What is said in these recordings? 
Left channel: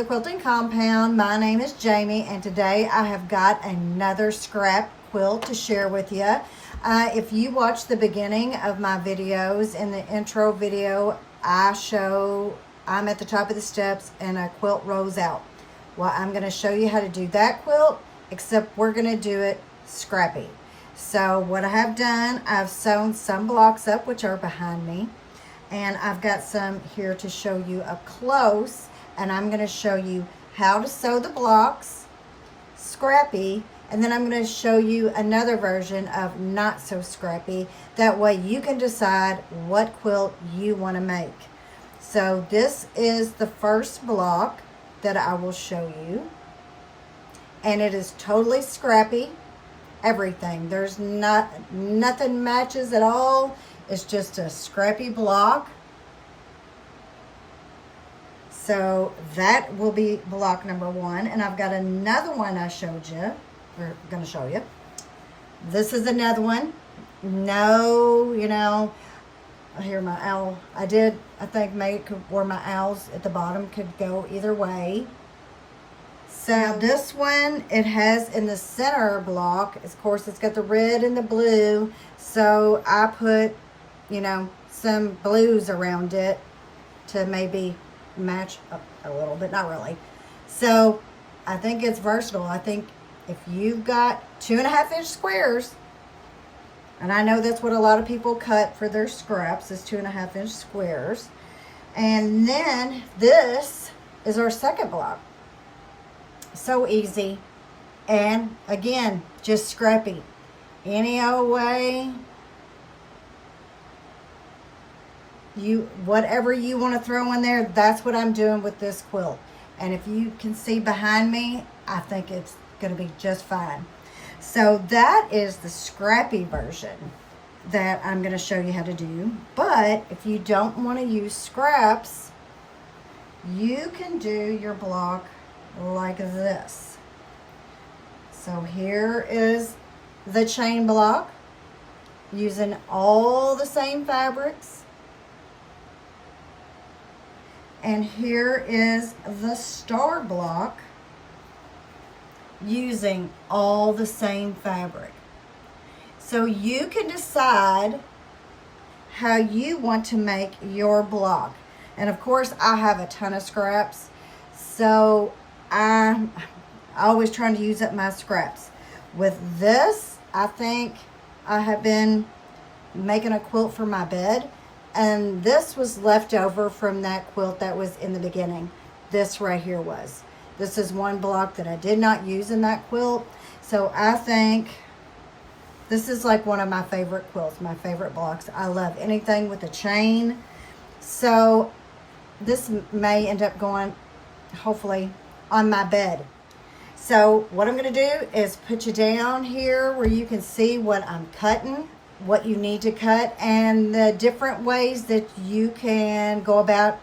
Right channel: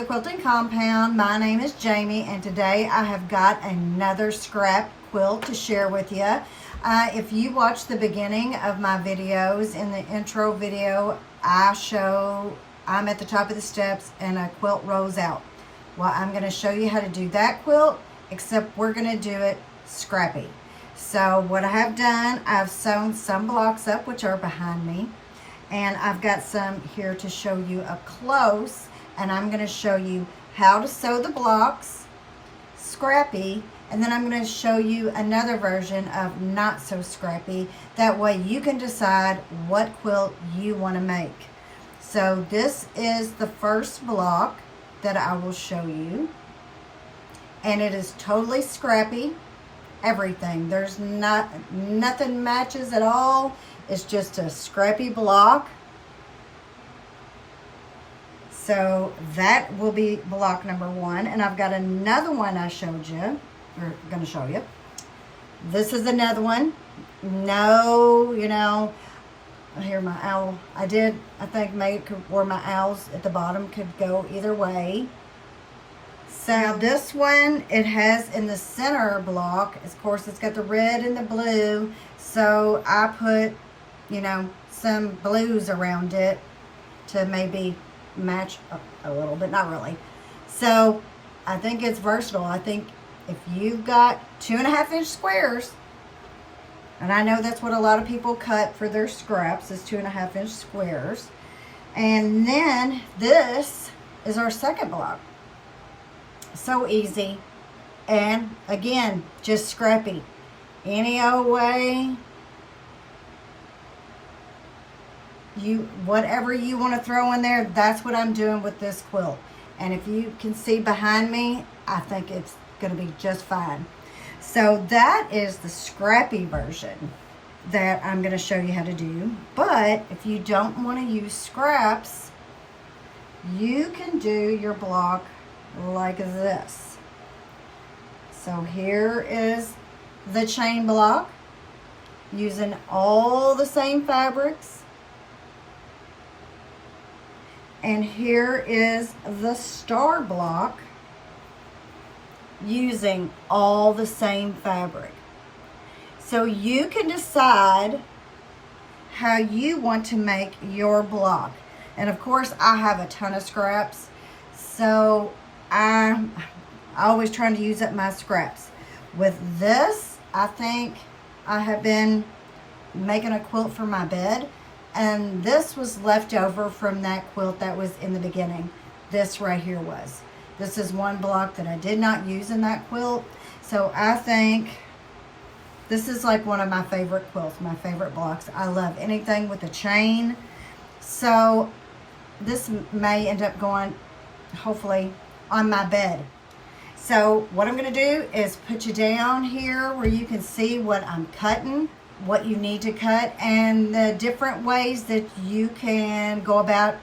the Quilting Compound. My name is Jamie, and today I have got another scrap quilt to share with you. If you watch the beginning of my videos, in the intro video, I'm at the top of the steps and a quilt rolls out. Well, I'm going to show you how to do that quilt, except we're going to do it scrappy. So what I have done, I've sewn some blocks up, which are behind me. And I've got some here to show you up close, and I'm going to show you how to sew the blocks scrappy, and then I'm going to show you another version of not so scrappy. That way you can decide what quilt you want to make. So this is the first block that I will show you, and it is totally scrappy. Everything, there's nothing matches at all. It's just a scrappy block. So that will be block number one. And I've got another one I showed you, or going to show you. This is another one. No, here my owl. I think make where my owls at the bottom could go either way. So this one, it has in the center block, of course, it's got the red and the blue. So I put some blues around it to maybe match a little, but not really. So I think it's versatile. I think if you've got 2.5 inch squares, and I know that's what a lot of people cut for their scraps, is 2.5 inch squares. And then this is our second block. So easy. And again, just scrappy. Any old way. Whatever you want to throw in there, that's what I'm doing with this quilt. And if you can see behind me, I think it's going to be just fine. So that is the scrappy version that I'm going to show you how to do. But if you don't want to use scraps, you can do your block like this. So here is the chain block using all the same fabrics. And here is the star block using all the same fabric. So you can decide how you want to make your block. And of course, I have a ton of scraps, so I'm always trying to use up my scraps. With this, I think I have been making a quilt for my bed. And this was left over from that quilt that was in the beginning. This right here was. This is one block that I did not use in that quilt. So I think this is like one of my favorite quilts, my favorite blocks. I love anything with a chain. So this may end up going, hopefully, on my bed. So what I'm going to do is put you down here where you can see what I'm cutting, what you need to cut, and the different ways that you can go about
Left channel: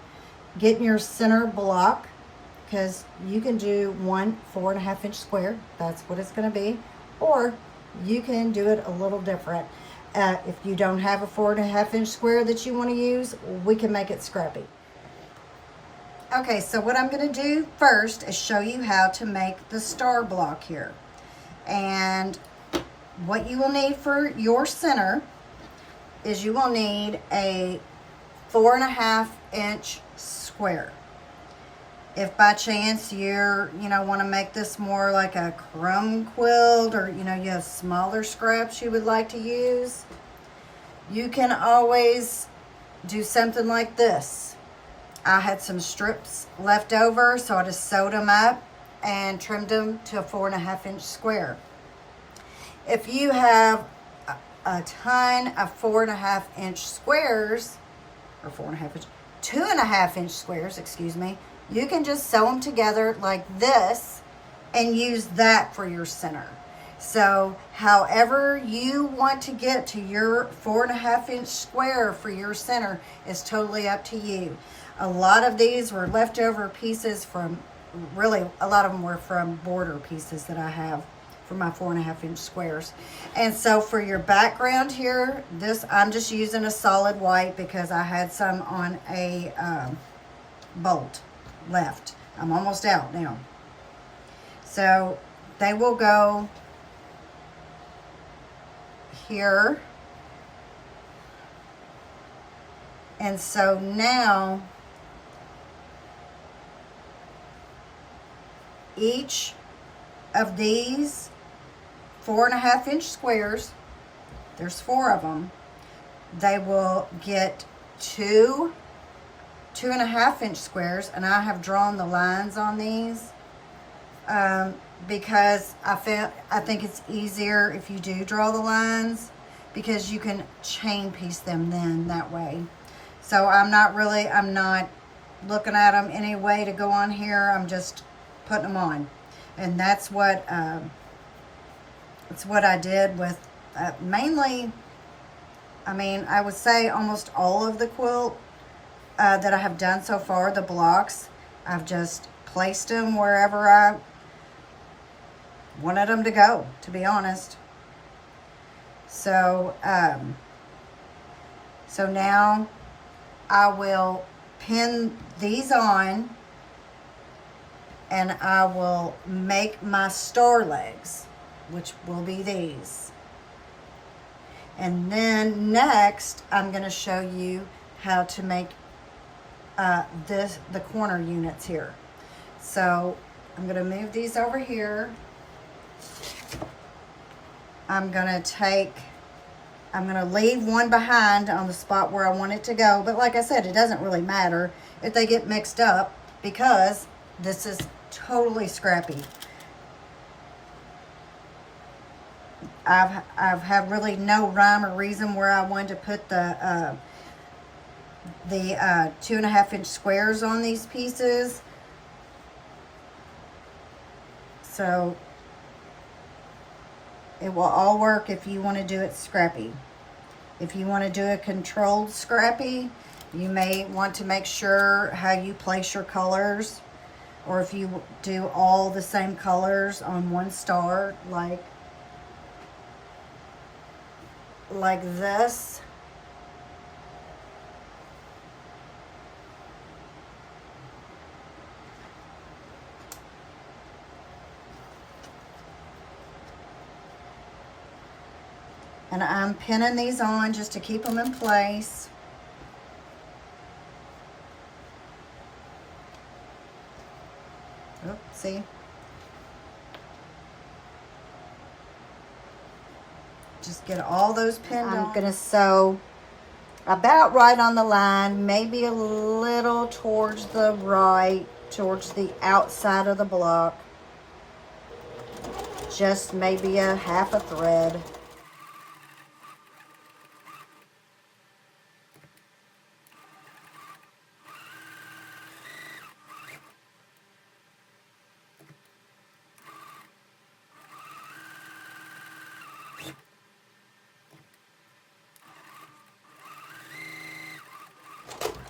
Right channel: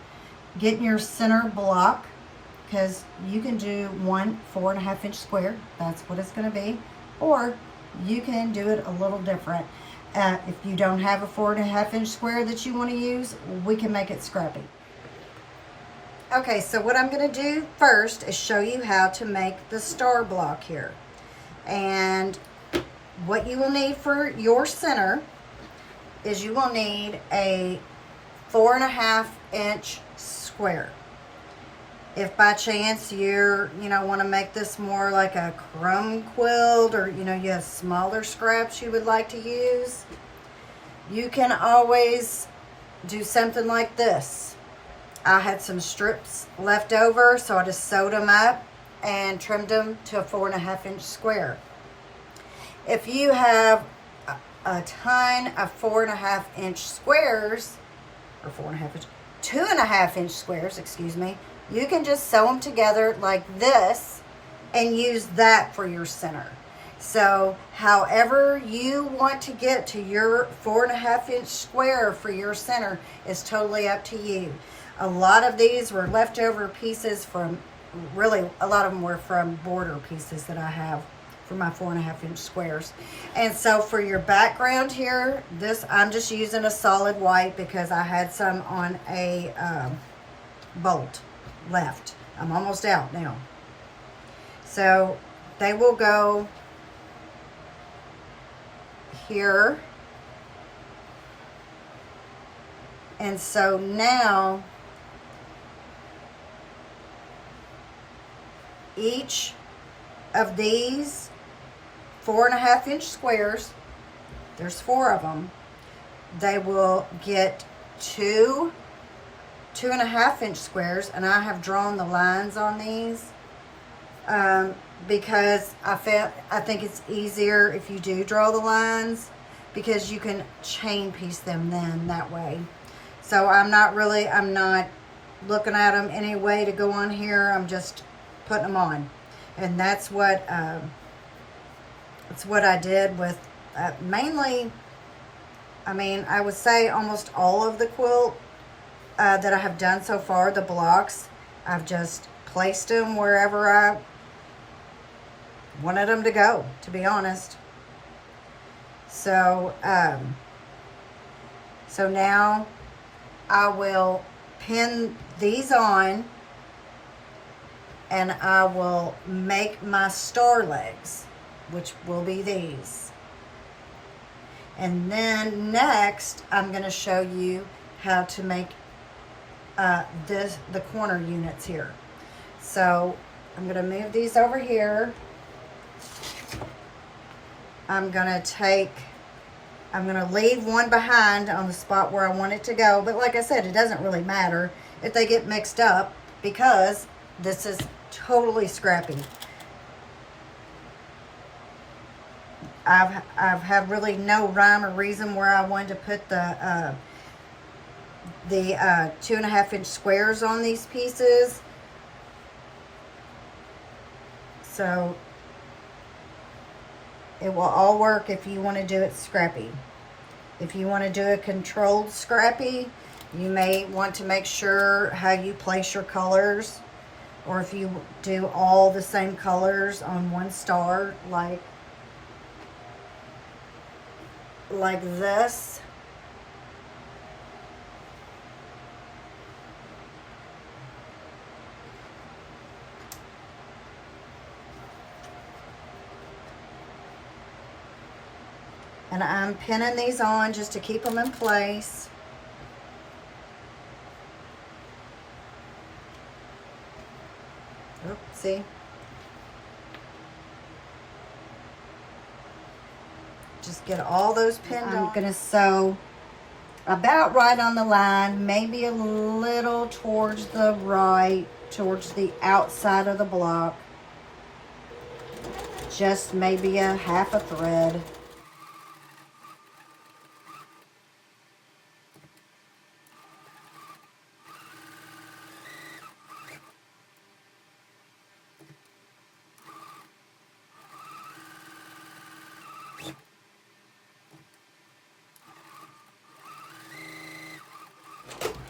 getting your center block, because you can do one 4.5 inch square. That's what it's going to be. Or you can do it a little different. If you don't have a 4.5 inch square that you want to use, we can make it scrappy. Okay, so what I'm going to do first is show you how to make the star block here. And what you will need for your center is you will need a 4.5 inch square. If by chance you're, want to make this more like a crumb quilt, or, you have smaller scraps you would like to use, you can always do something like this. I had some strips left over, so I just sewed them up and trimmed them to a 4.5 inch square. If you have a ton of 4.5 inch squares, or 2.5 inch squares, excuse me, you can just sew them together like this and use that for your center. So however you want to get to your 4.5 inch square for your center is totally up to you. A lot of these were leftover pieces from, really a lot of them were from border pieces that I have for my 4.5 inch squares. And so for your background here, I'm just using a solid white because I had some on a bolt left. I'm almost out now. So they will go here. And so now each of these 4.5 inch squares, there's 4 of them, they will get 2 2.5 inch squares, and I have drawn the lines on these because I think it's easier if you do draw the lines, because you can chain piece them then that way. So I'm not looking at them any way to go on here. I'm just putting them on, and that's what I did with mainly. I mean, I would say almost all of the quilt that I have done so far, the blocks, I've just placed them wherever I wanted them to go, to be honest. So, so now I will pin these on, and I will make my star legs, which will be these. And then next, I'm going to show you how to make the corner units here. So I'm going to move these over here. I'm going to leave one behind on the spot where I want it to go. But like I said, it doesn't really matter if they get mixed up, because this is totally scrappy. I've had really no rhyme or reason where I wanted to put the 2.5 inch squares on these pieces. So it will all work if you want to do it scrappy. If you want to do a controlled scrappy, you may want to make sure how you place your colors, or if you do all the same colors on one star, like this. And I'm pinning these on just to keep them in place. Oh, see? Just get all those pinned on. I'm gonna sew about right on the line, maybe a little towards the right, towards the outside of the block. Just maybe a half a thread.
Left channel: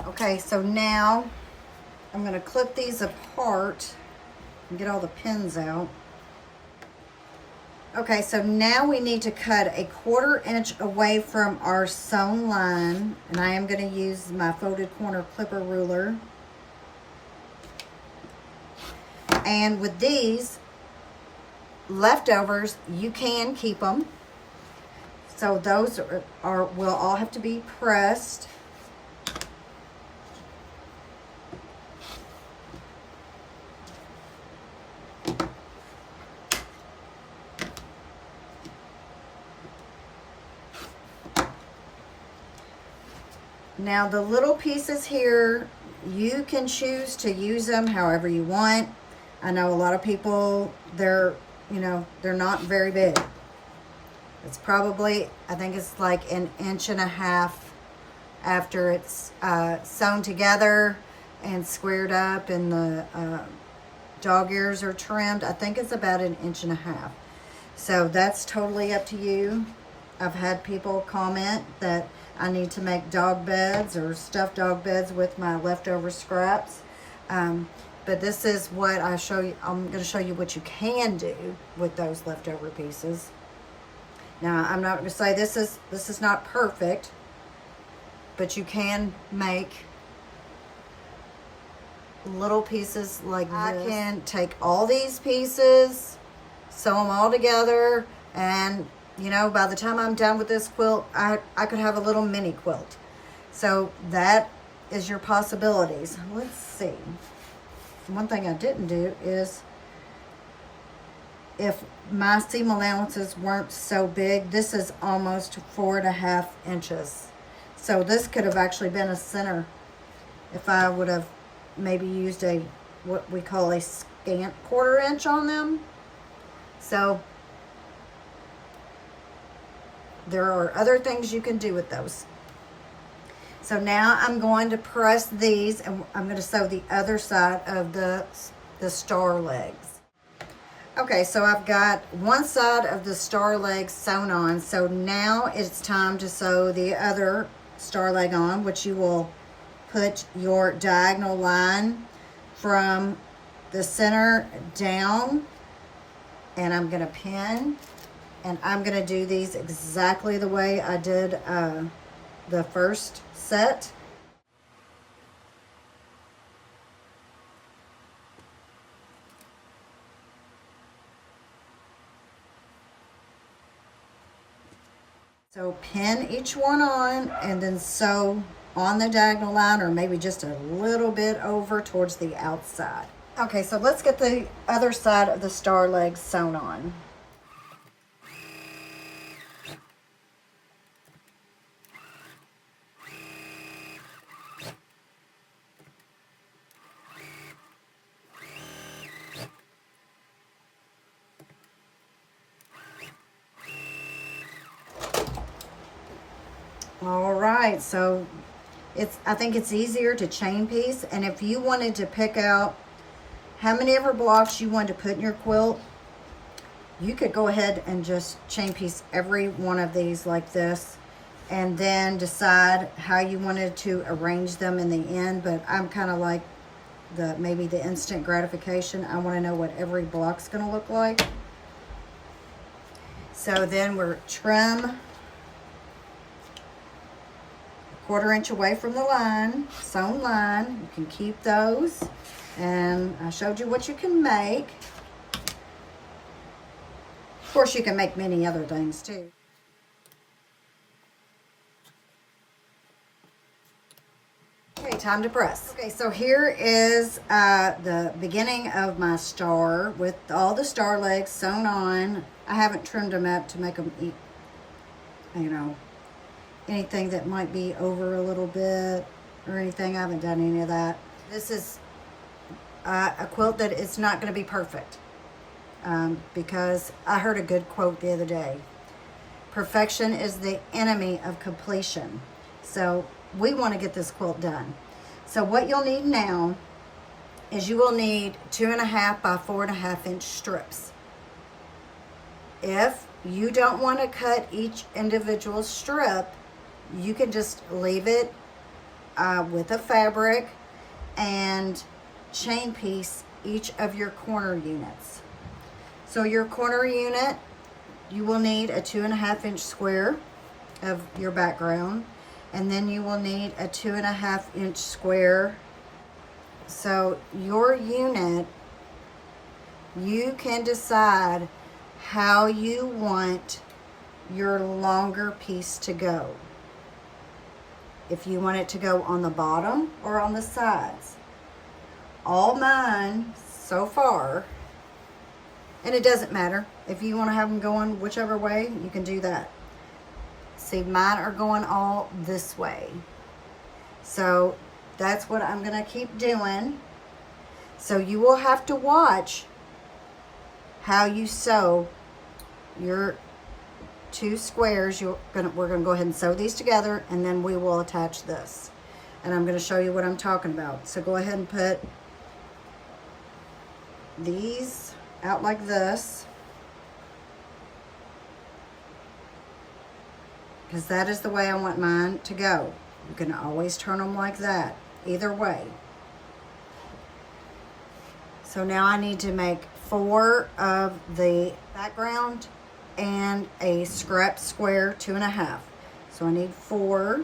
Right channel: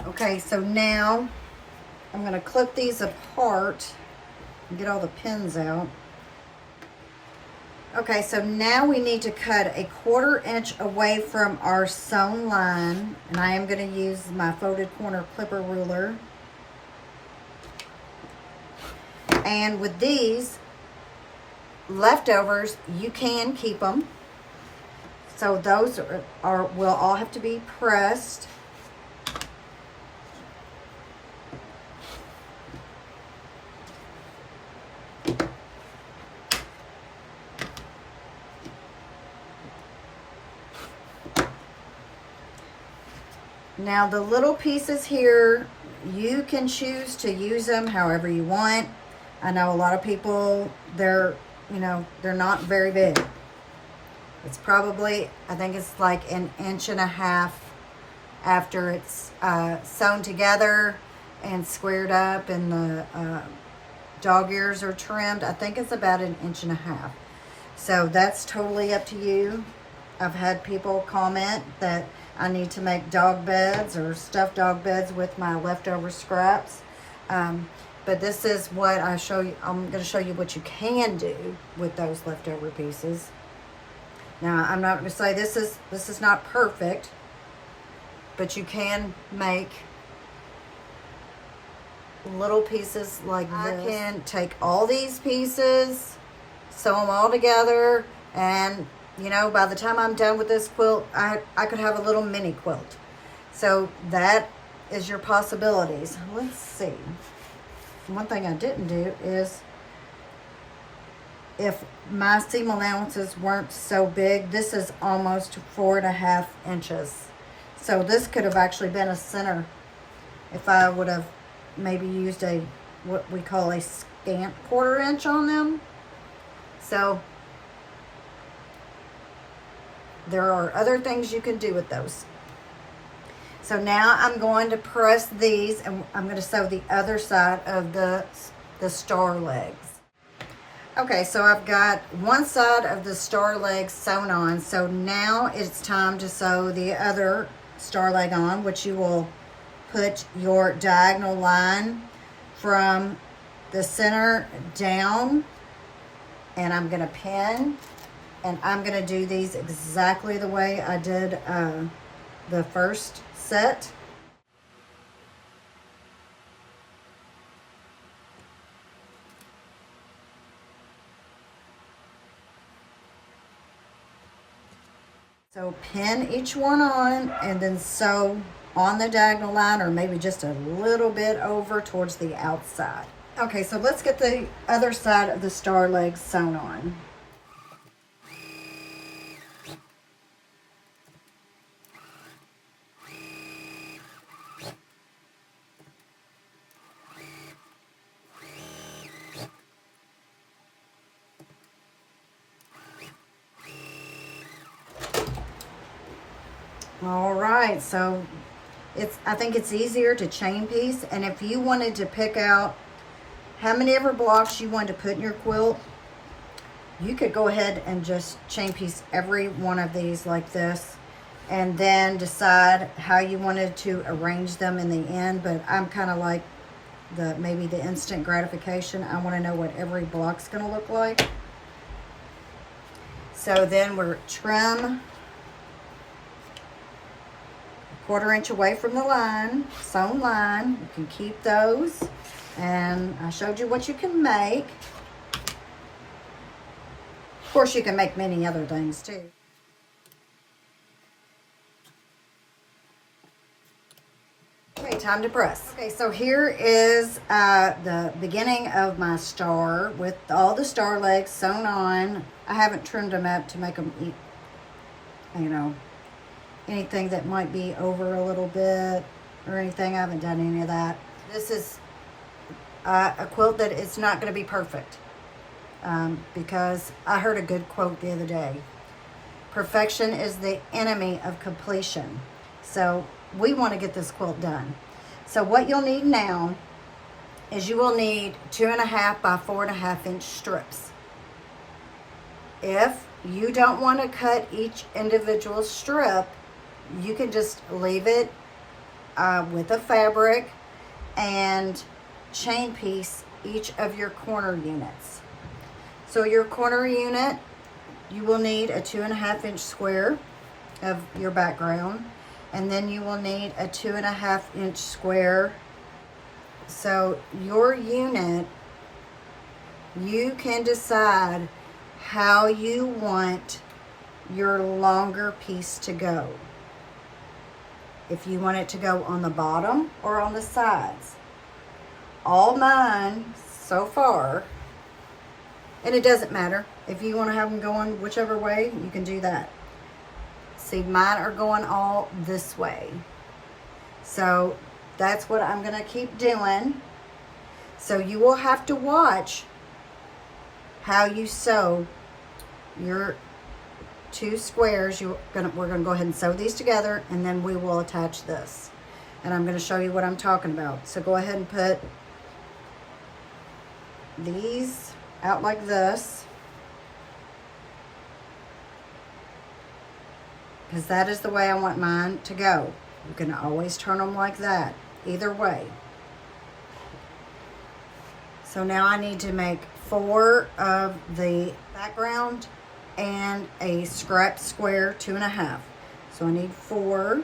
Okay, so now I'm going to clip these apart and get all the pins out. Okay, so now we need to cut a 1/4 inch away from our sewn line, and I am going to use my folded corner clipper ruler. And with these leftovers, you can keep them. So those will all have to be pressed. Now the little pieces here, you can choose to use them however you want. I know a lot of people, they're not very big. It's probably, I think it's like 1.5 inches after it's sewn together and squared up, and the dog ears are trimmed. I think it's about 1.5 inches. So that's totally up to you. I've had people comment that I need to make dog beds or stuffed dog beds with my leftover scraps. But this is what I show you. I'm going to show you what you can do with those leftover pieces. Now, I'm not going to say this is not perfect, but you can make little pieces like this. I can take all these pieces, sew them all together, and you know, by the time I'm done with this quilt, I could have a little mini quilt. So that is your possibilities. Let's see. One thing I didn't do is, if my seam allowances weren't so big, this is almost 4.5 inches. So this could have actually been a center if I would have maybe used a, what we call a scant 1/4 inch on them. So there are other things you can do with those. So now I'm going to press these, and I'm going to sew the other side of the star legs. Okay, so I've got one side of the star leg sewn on. So now it's time to sew the other star leg on, which you will put your diagonal line from the center down, and I'm going to pin, and I'm going to do these exactly the way I did the first set. So pin each one on and then sew on the diagonal line, or maybe just a little bit over towards the outside. Okay, so let's get the other side of the star legs sewn on. All right, so I think it's easier to chain piece, and if you wanted to pick out how many ever blocks you wanted to put in your quilt, you could go ahead and just chain piece every one of these like this, and then decide how you wanted to arrange them in the end. But I'm kind of like maybe the instant gratification. I want to know what every block's going to look like. So then we're trim 1/4 inch away from the line, sewn line. You can keep those, and I showed you what you can make. Of course, you can make many other things too. Okay, time to press. Okay, so here is the beginning of my star with all the star legs sewn on. I haven't trimmed them up to make them eat, you know, anything that might be over a little bit or anything. I haven't done any of that. This is a quilt that is not going to be perfect, because I heard a good quote the other day: perfection is the enemy of completion. So we want to get this quilt done. So what you'll need now is you will need 2.5 by 4.5 inch strips. If you don't want to cut each individual strip, you can just leave it with a fabric and chain piece each of your corner units. So your corner unit, you will need a 2.5 inch square of your background, and then you will need a 2.5 inch square. So your unit, you can decide how you want your longer piece to go. If you want it to go on the bottom or on the sides. All mine so far, and it doesn't matter, if you want to have them going whichever way, you can do that. See, mine are going all this way. So that's what I'm going to keep doing. So you will have to watch how you sew your 2 squares. We're gonna go ahead and sew these together, and then we will attach this. And I'm going to show you what I'm talking about. So go ahead and put these out like this, because that is the way I want mine to go. You can always turn them like that, either way. So now I need to make 4 of the background and a scrap square 2.5. So I need 4.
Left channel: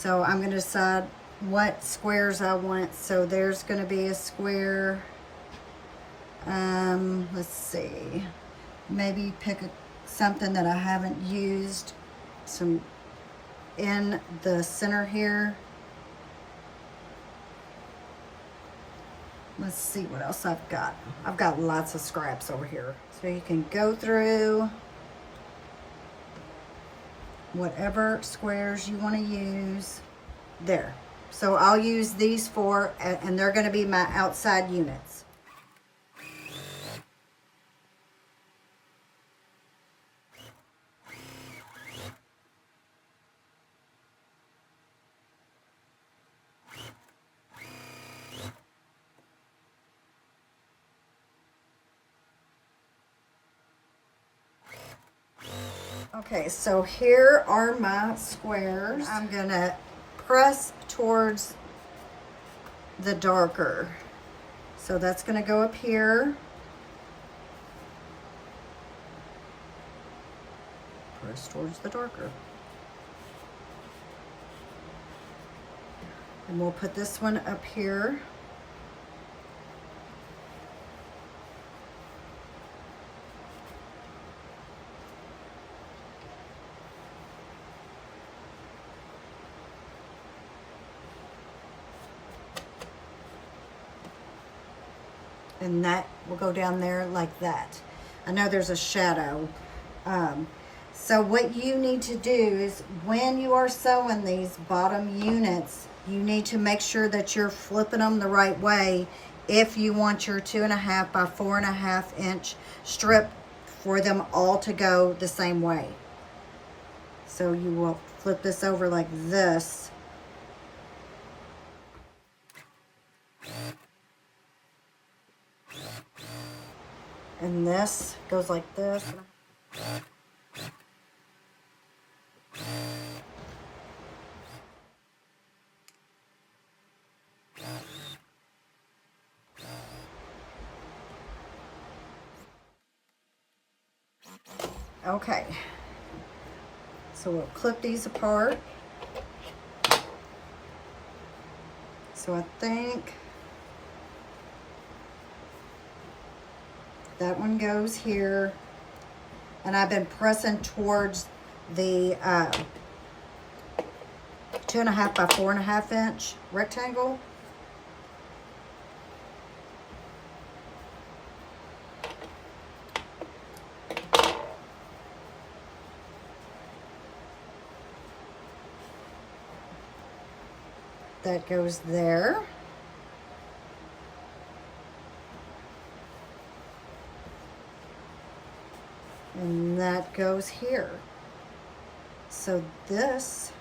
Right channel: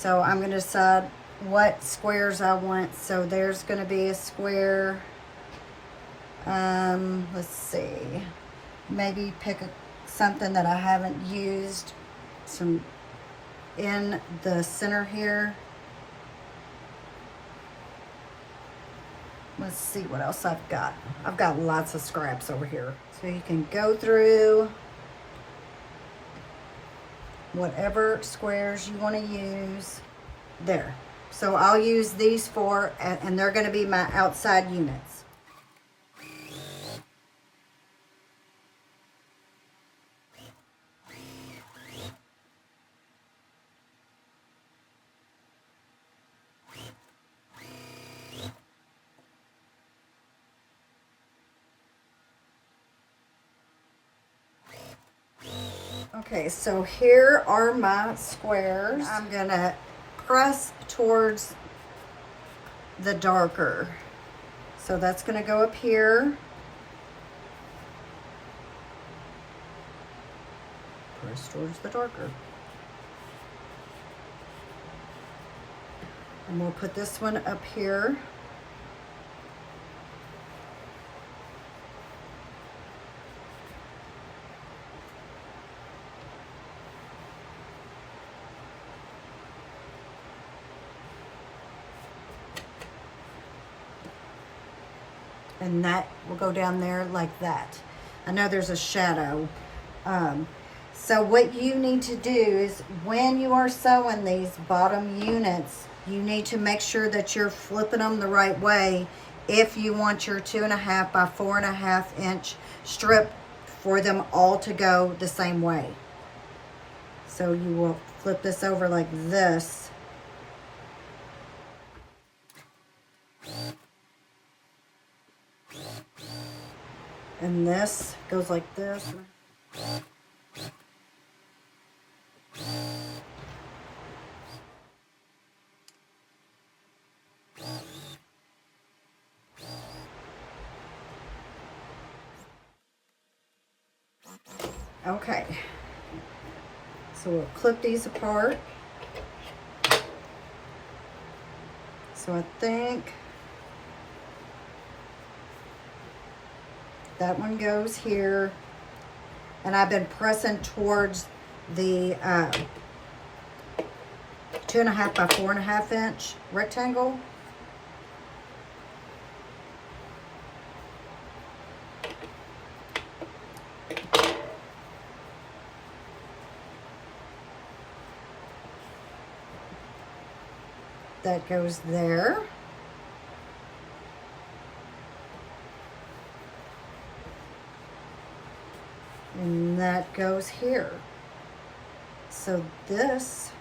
So I'm going to decide what squares I want. So there's going to be a square. Let's see. Maybe pick something that I haven't used. Some in the center here. Let's see what else I've got. I've got lots of scraps over here. So you can go through whatever squares you want to use. There. So I'll use these four, and they're going to be my outside units. Okay, so here are my squares. I'm gonna press towards the darker. So that's gonna go up here. Press towards the darker. And we'll put this one up here. And that will go down there like that. I know there's a shadow. So what you need to do is when you are sewing these bottom units, you need to make sure that you're flipping them the right way if you want your 2.5 by 4.5 inch strip for them all to go the same way. So you will flip this over like this. And this goes like this. Okay. So we'll clip these apart. So I think that one goes here, and I've been pressing towards the 2.5 by 4.5 inch rectangle. That goes there. And that goes here. So this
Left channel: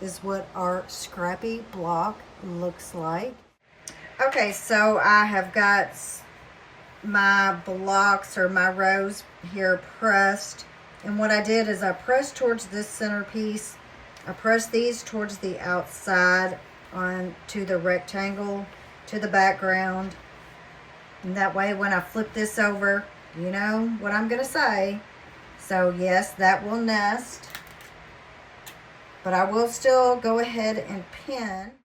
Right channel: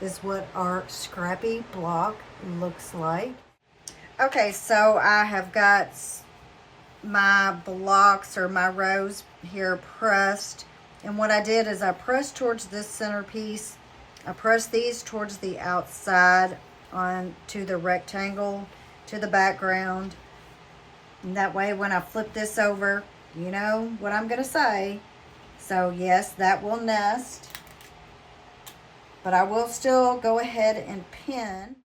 is what our Scrappy block looks like. Okay, so I have got my blocks or my rows here pressed. And what I did is I pressed towards this centerpiece. I pressed these towards the outside onto the rectangle, to the background. And that way when I flip this over, you know what I'm gonna say. So yes, that will nest, but I will still go ahead and pin.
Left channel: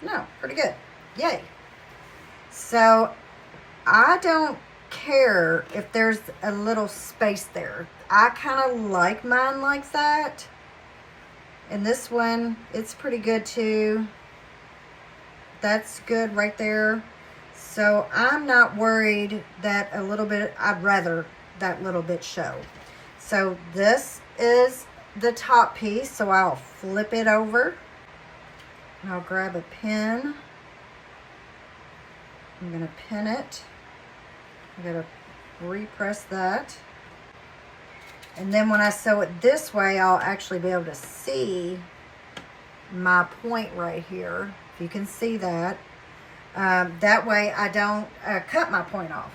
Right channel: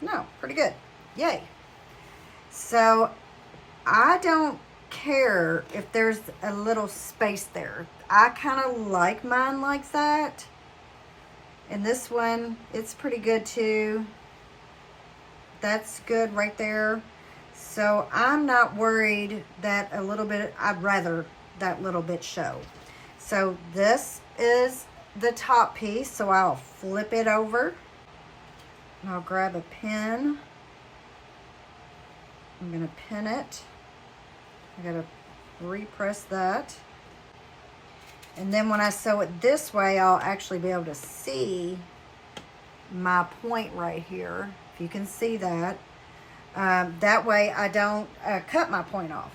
No, pretty good. Yay. So I don't care if there's a little space there. I kind of like mine like that. And this one, it's pretty good too. That's good right there. So I'm not worried that a little bit, I'd rather that little bit show. So this is the top piece, so I'll flip it over. And I'll grab a pin. I'm gonna pin it. I'm gonna repress that. And then when I sew it this way, I'll actually be able to see my point right here. You can see that. That way I don't cut my point off.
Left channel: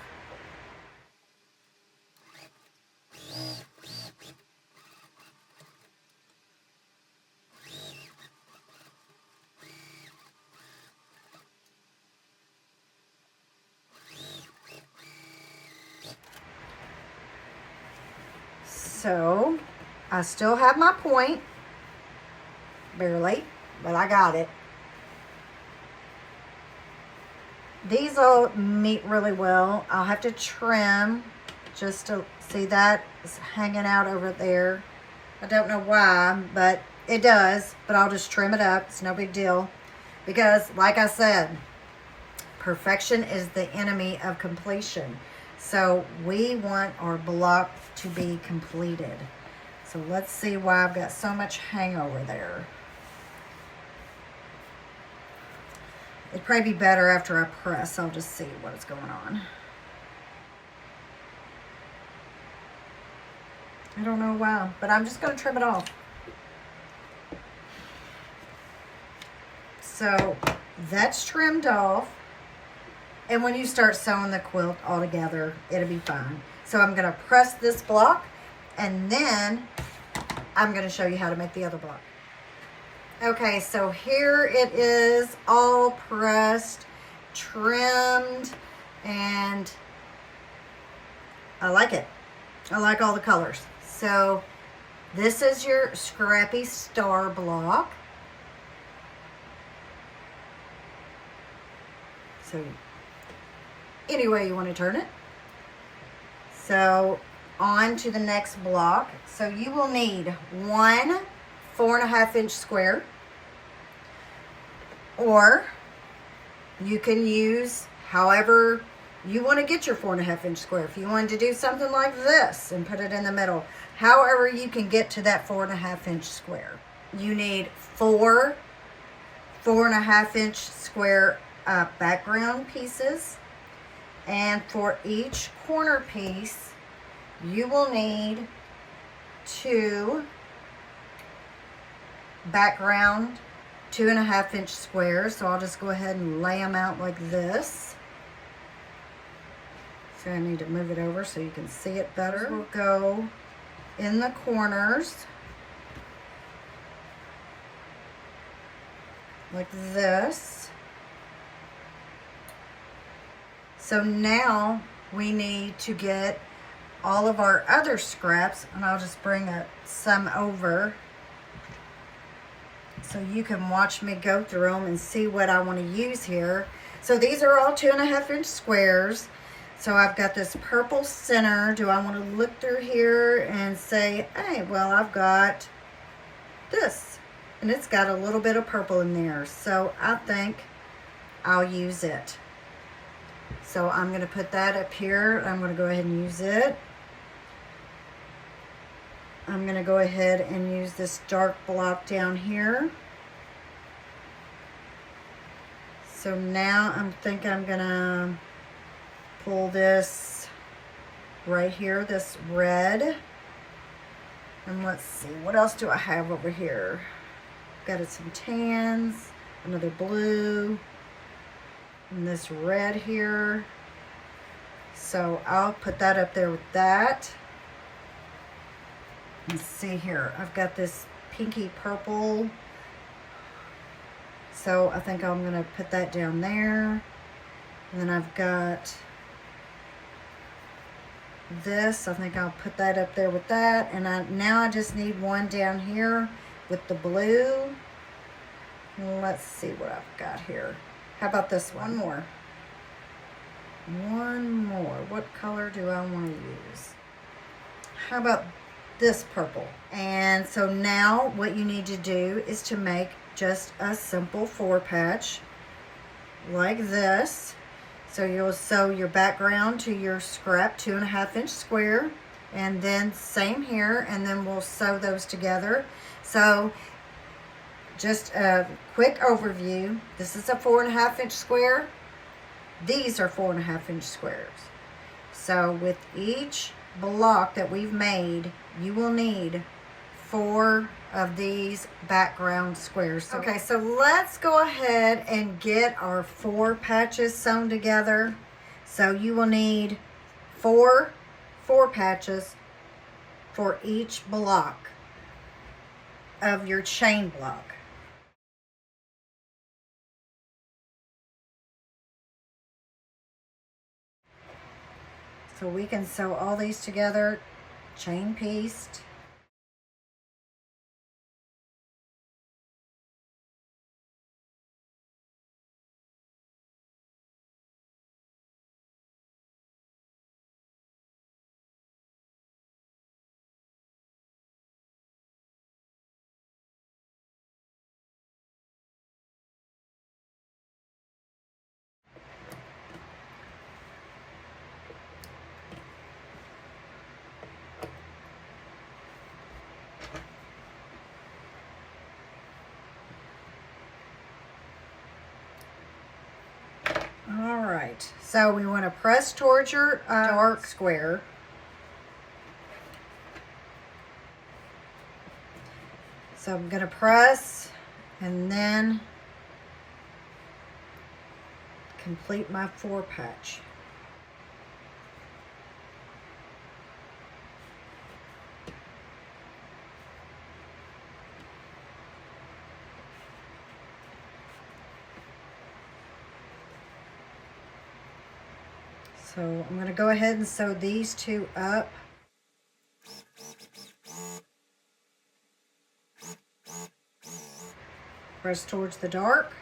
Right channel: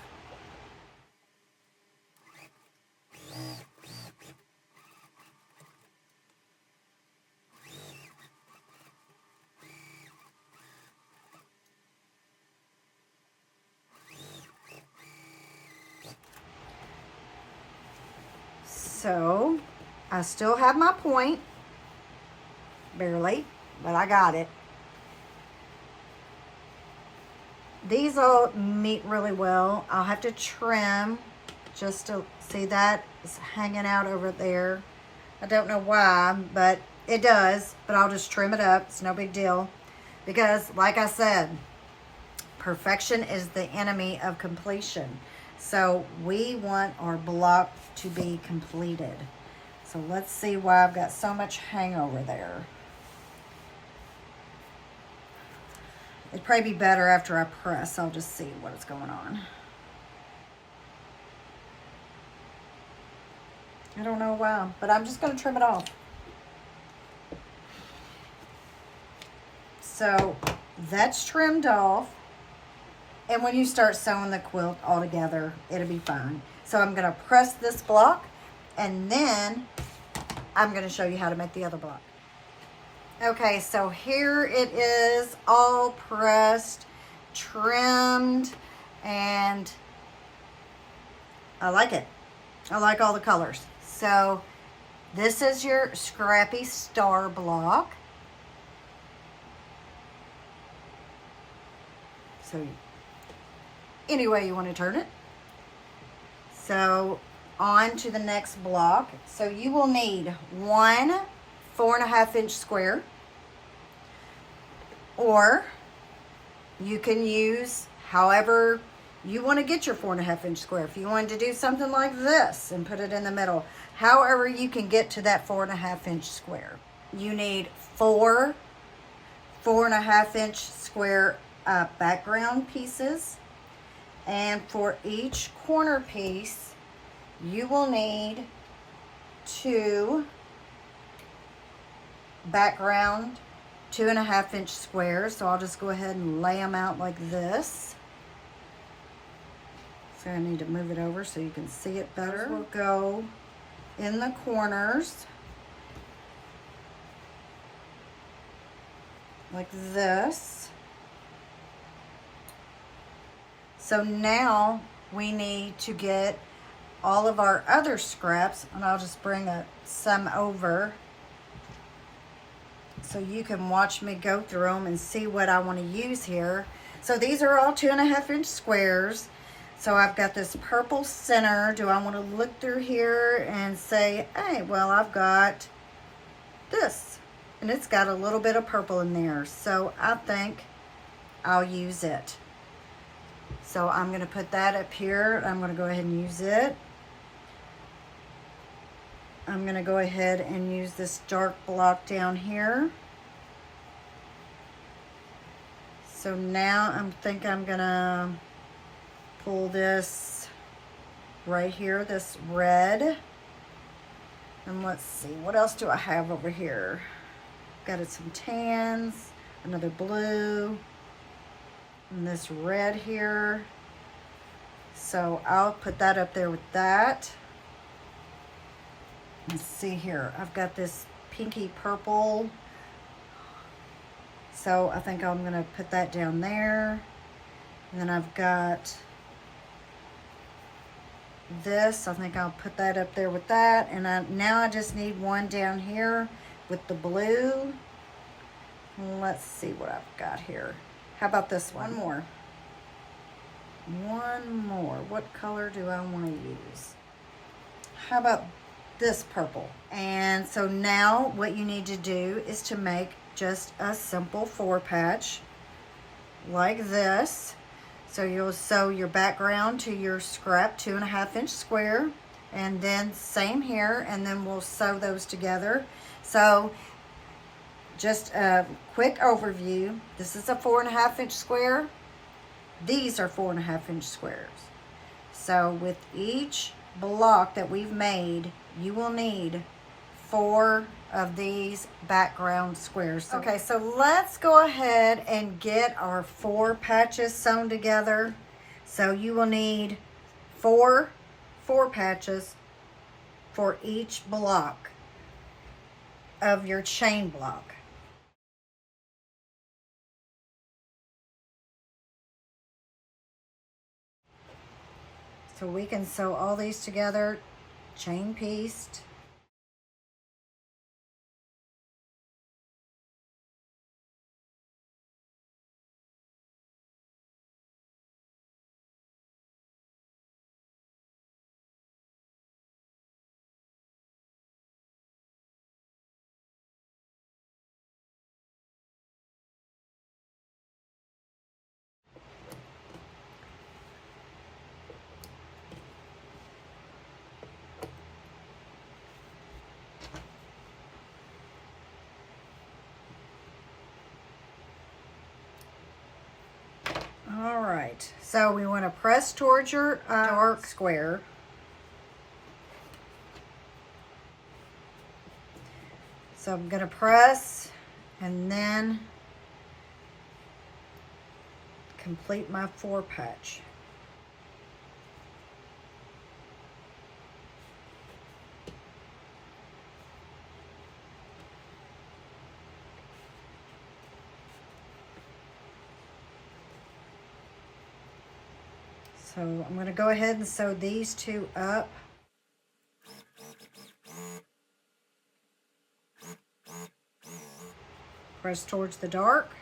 So I still have my point, barely, but I got it. These will meet really well. I'll have to trim just to see that is hanging out over there. I don't know why, but it does, but I'll just trim it up. It's no big deal because, like I said, perfection is the enemy of completion. So we want our block to be completed. So let's see why I've got so much hangover there. It'd probably be better after I press. I'll just see what's going on. I don't know why, but I'm just going to trim it off. So that's trimmed off. And when you start sewing the quilt all together, it'll be fine. So I'm going to press this block, and then I'm going to show you how to make the other block. Okay, so here it is, all pressed, trimmed, and I like it. I like all the colors. So this is your Scrappy star block. So any way you want to turn it. So on to the next block. So you will need one 4.5 inch square, or you can use however you want to get your 4.5 inch square. If you wanted to do something like this and put it in the middle, however you can get to that 4.5 inch square. You need four 4.5 inch square background pieces, and for each corner piece you will need 2 background 2.5 inch squares. So I'll just go ahead and lay them out like this. So I need to move it over so you can see it better. We'll go in the corners like this. So now we need to get all of our other scraps, and I'll just bring some over so you can watch me go through them and see what I want to use here. So these are all 2.5 inch squares. So I've got this purple center. Do I want to look through here and say, hey, well, I've got this, and it's got a little bit of purple in there. So I think I'll use it. So I'm going to put that up here. I'm going to go ahead and use it. I'm going to go ahead and use this dark block down here. So now I think I'm going to pull this right here, this red. And let's see, what else do I have over here? Got some tans, another blue, and this red here. So I'll put that up there with that. Let's see here, I've got this pinky purple. So I think I'm gonna put that down there. And then I've got this, I think I'll put that up there with that. And now I just need one down here with the blue. Let's see what I've got here. How about this one? One more. What color do I want to use? How about this purple? And so now what you need to do is to make just a simple 4 patch like this. So you'll sew your background to your scrap 2.5 inch square, and then same here, and then we'll sew those together. So just a quick overview. This is a 4.5 inch square. These are 4.5 inch squares. So with each block that we've made, you will need 4 of these background squares. Okay, so let's go ahead and get our 4 patches sewn together. So you will need 4 patches for each block of your chain block. So we can sew all these together chain pieced. All right, so we want to press towards your dark square. So I'm going to press and then complete my 4 patch. So I'm going to go ahead and sew these 2 up. Press towards the dark.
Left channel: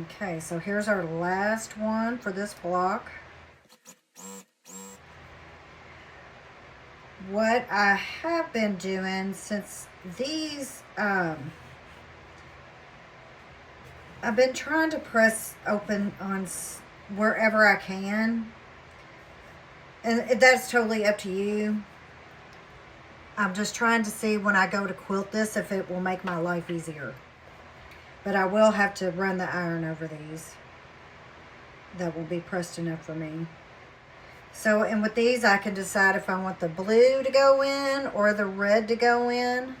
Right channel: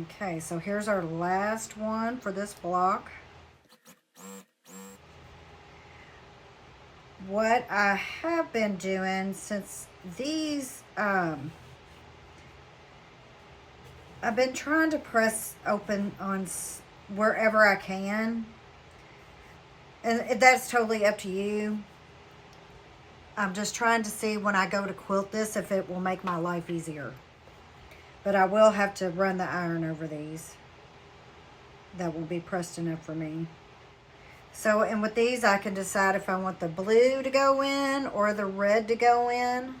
Okay, so here's our last one for this block. What I have been doing since these, I've been trying to press open on wherever I can. And that's totally up to you. I'm just trying to see when I go to quilt this if it will make my life easier. But I will have to run the iron over these. That will be pressed enough for me. So, and with these I can decide if I want the blue to go in or the red to go in.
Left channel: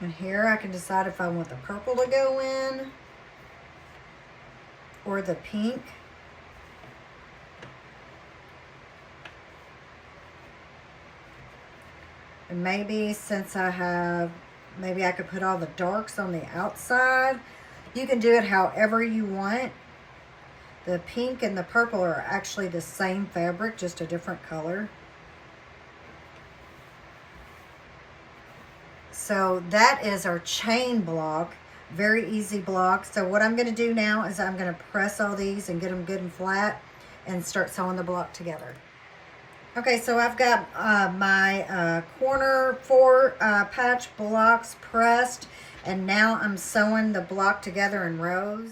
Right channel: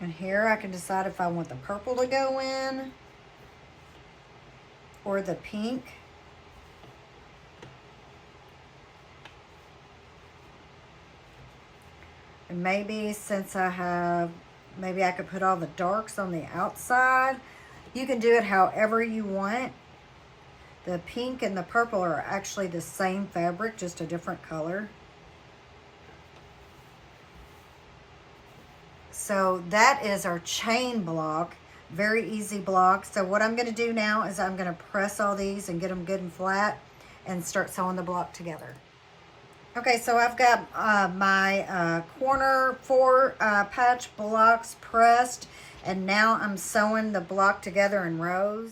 And here I can decide if I want the purple to go in or the pink. And maybe since I have, maybe I could put all the darks on the outside. You can do it however you want. The pink and the purple are actually the same fabric, just a different color. So that is our chain block. Very easy block. So what I'm going to do now is I'm going to press all these and get them good and flat and start sewing the block together. Okay, so I've got my corner 4 patch blocks pressed, and now I'm sewing the block together in rows.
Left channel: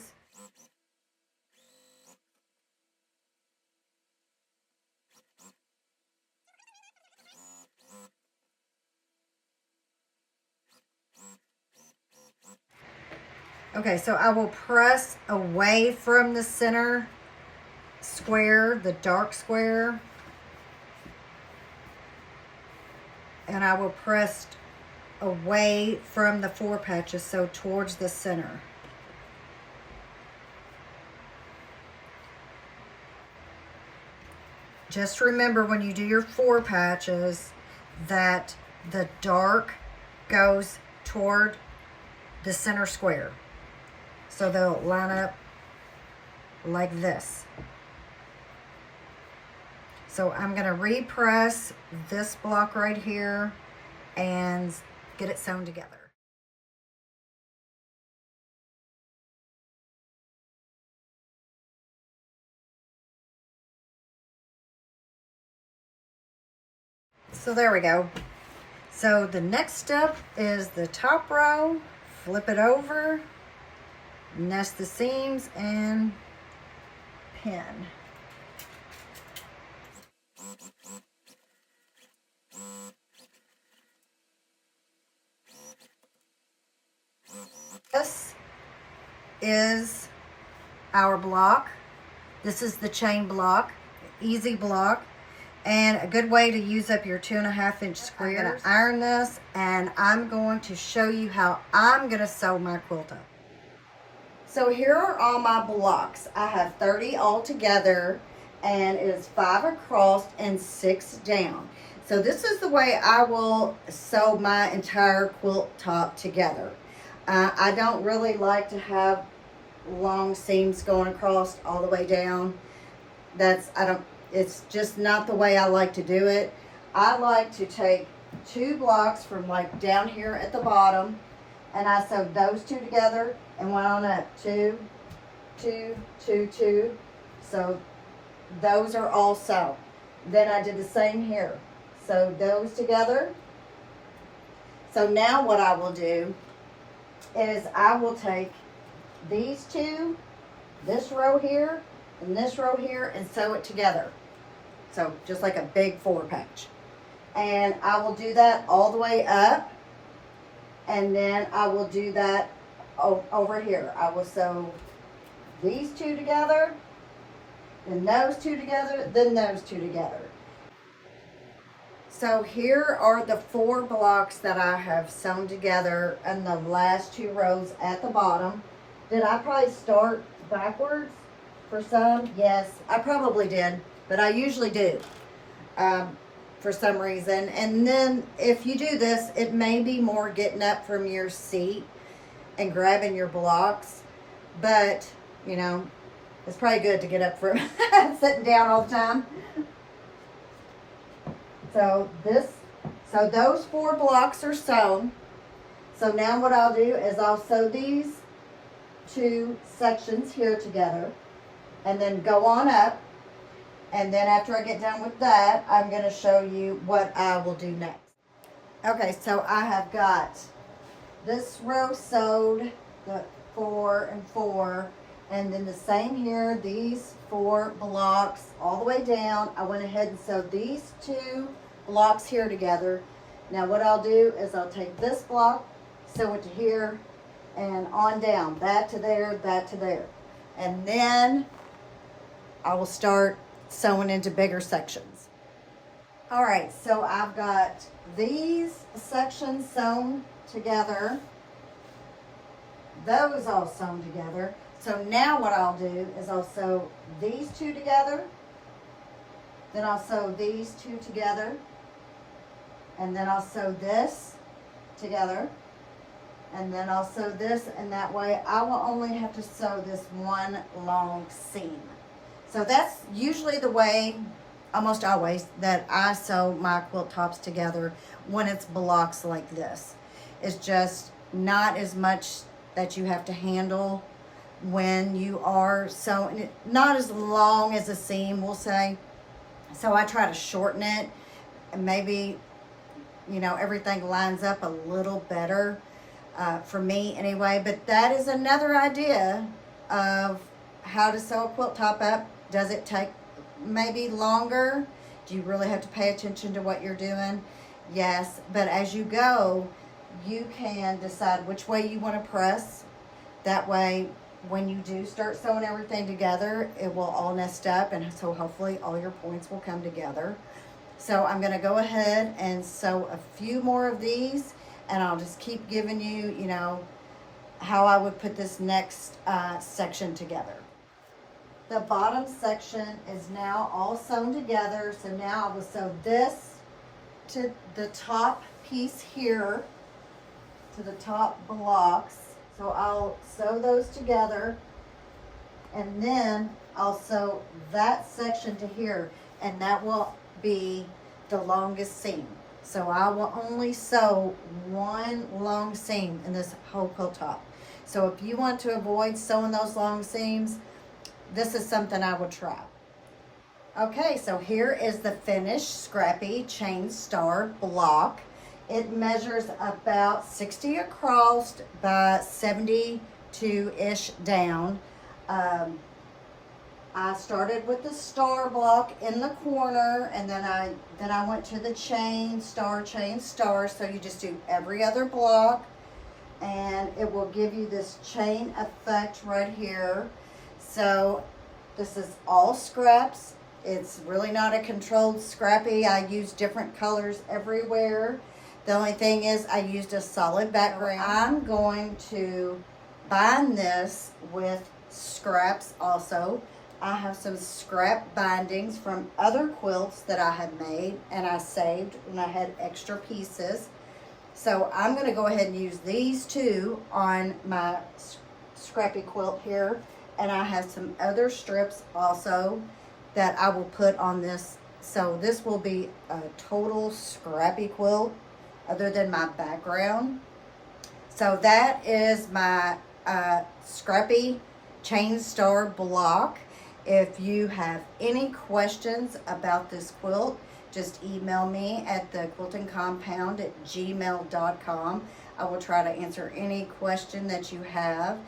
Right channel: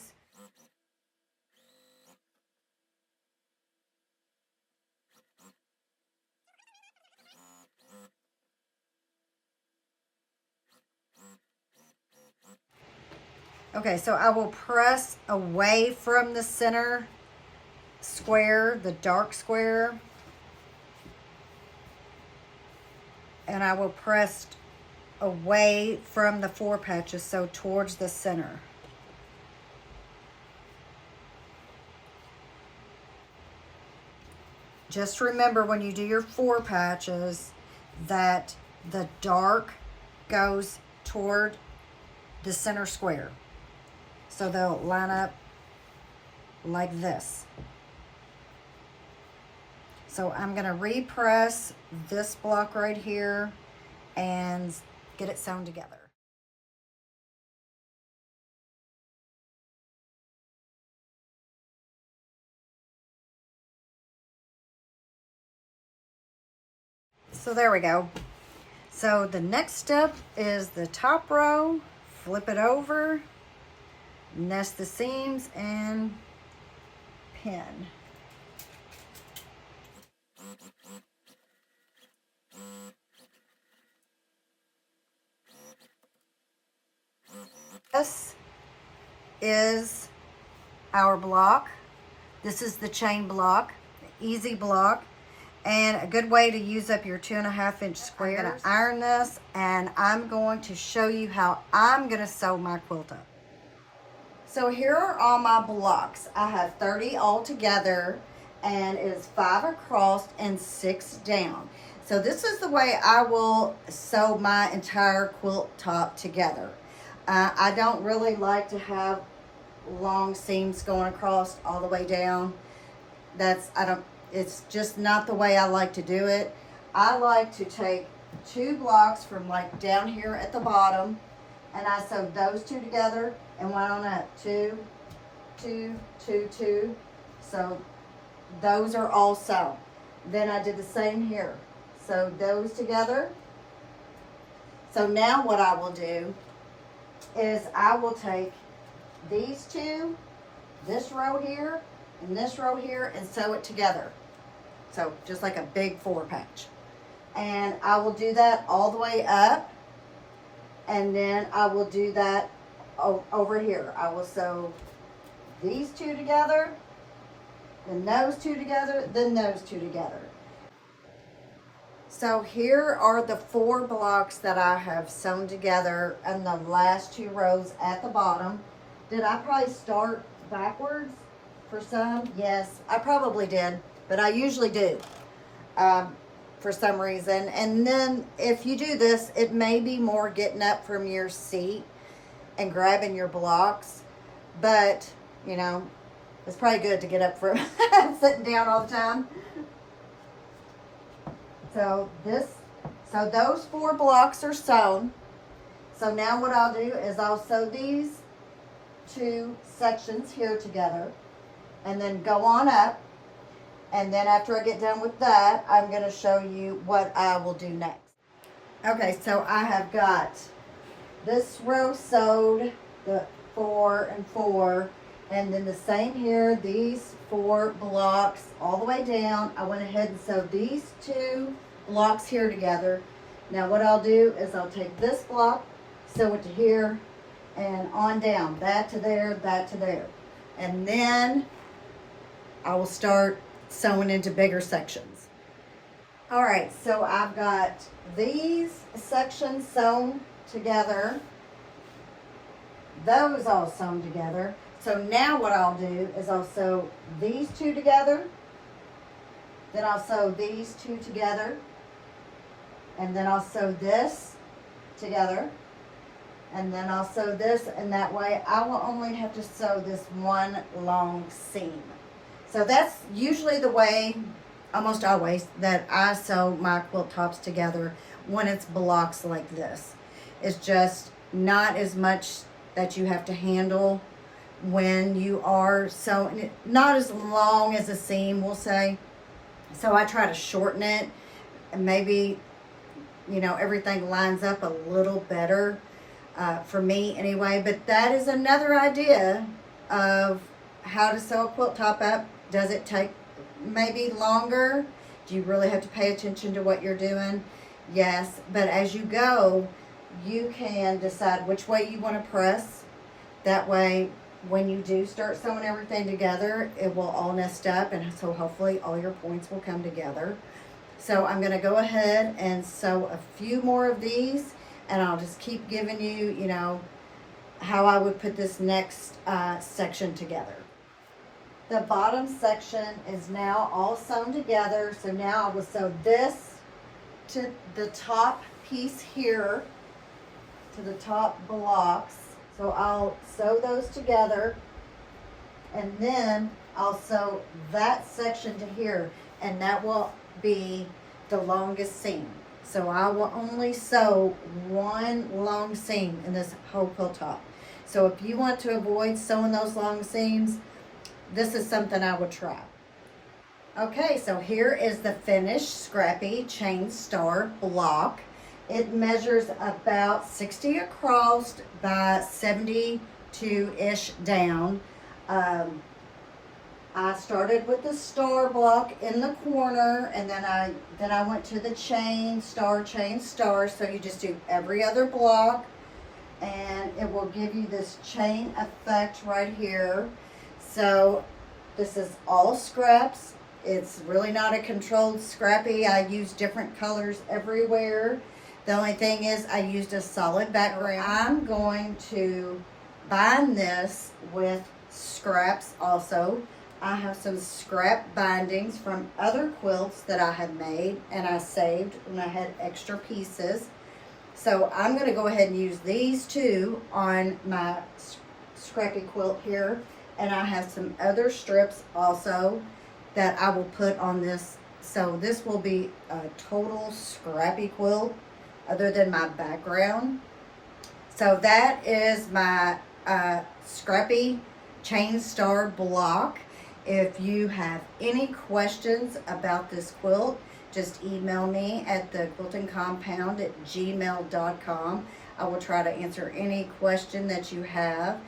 Okay, so I will press away from the center square, the dark square. And I will press away from the 4 patches, so towards the center. Just remember when you do your 4 patches that the dark goes toward the center square. So they'll line up like this. So I'm going to repress this block right here and get it sewn together. So there we go. So the next step is the top row, flip it over, nest the seams, and pin. This is our block. This is the chain block, easy block, and a good way to use up your 2.5 inch square. I'm going to iron this, and I'm going to show you how I'm going to sew my quilt up. So here are all my blocks. I have 30 all together, and it is 5 across and 6 down. So this is the way I will sew my entire quilt top together. I don't really like to have long seams going across all the way down. It's just not the way I like to do it. I like to take 2 blocks from like down here at the bottom, and I sewed those 2 together and went on up 2, 2, 2, 2. So those are all sewn. Then I did the same here. Sewed those together. So now what I will do is I will take these 2, this row here, and this row here, and sew it together. So just like a big 4 patch. And I will do that all the way up. And then I will do that over here. I will sew these 2 together, then those 2 together, then those 2 together. So here are the 4 blocks that I have sewn together in the last 2 rows at the bottom. Did I probably start backwards for some? Yes, I probably did, but I usually do for some reason. And then if you do this, it may be more getting up from your seat and grabbing your blocks, but you know, it's probably good to get up from sitting down all the time. So those 4 blocks are sewn. So now what I'll do is I'll sew these 2 sections here together and then go on up. And then after I get done with that, I'm going to show you what I will do next. Okay, so I have got this row sewed, the 4 and 4, and then the same here, these 4 blocks all the way down. I went ahead and sewed these 2 blocks here together. Now what I'll do is I'll take this block, sew it to here, and on down, that to there, that to there. And then I will start sewing into bigger sections. All right, so I've got these sections sewn together, those all sewn together. So now what I'll do is I'll sew these 2 together, then I'll sew these 2 together, and then I'll sew this together, and then I'll sew this, and that way I will only have to sew this 1 long seam. So that's usually the way, almost always, that I sew my quilt tops together when it's blocks like this. It's just not as much that you have to handle when you are sewing it, not as long as a seam, we'll say. So I try to shorten it, and maybe, you know, everything lines up a little better for me anyway. But that is another idea of how to sew a quilt top up. Does it take maybe longer? Do you really have to pay attention to what you're doing? Yes, but as you go, you can decide which way you want to press. That way, when you do start sewing everything together, it will all nest up, and so hopefully all your points will come together. So I'm going to go ahead and sew a few more of these, and I'll just keep giving you, you know, how I would put this next section together. The bottom section is now all sewn together. So now I will sew this to the top piece here, to the top blocks. So I'll sew those together, and then I'll sew that section to here, and that will be the longest seam. So I will only sew 1 long seam in this whole quilt top. So if you want to avoid sewing those long seams, this is something I would try. Okay, so here is the finished Scrappy Chain Star block. It measures about 60 across by 72-ish down. I started with the star block in the corner, and then I went to the chain star. So you just do every other block, and it will give you this chain effect right here. So this is all scraps. It's really not a controlled Scrappy. I use different colors everywhere. The only thing is I used a solid background. I'm going to bind this with scraps also. I have some scrap bindings from other quilts that I had made, and I saved when I had extra pieces. So I'm going to go ahead and use these 2 on my Scrappy quilt here, and I have some other strips also that I will put on this. So this will be a total Scrappy quilt other than my background. So that is my Scrappy Chain Star block. If you have any questions about this quilt, just email me at thequiltingcompound@gmail.com. I will try to answer any question that you have.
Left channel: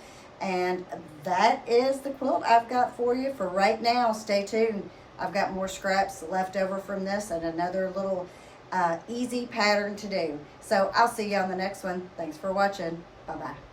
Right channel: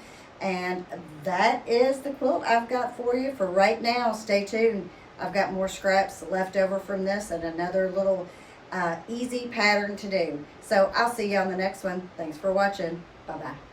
And that is the quilt I've got for you for right now. Stay tuned. I've got more scraps left over from this and another little easy pattern to do. So I'll see you on the next one. Thanks for watching. Bye-bye.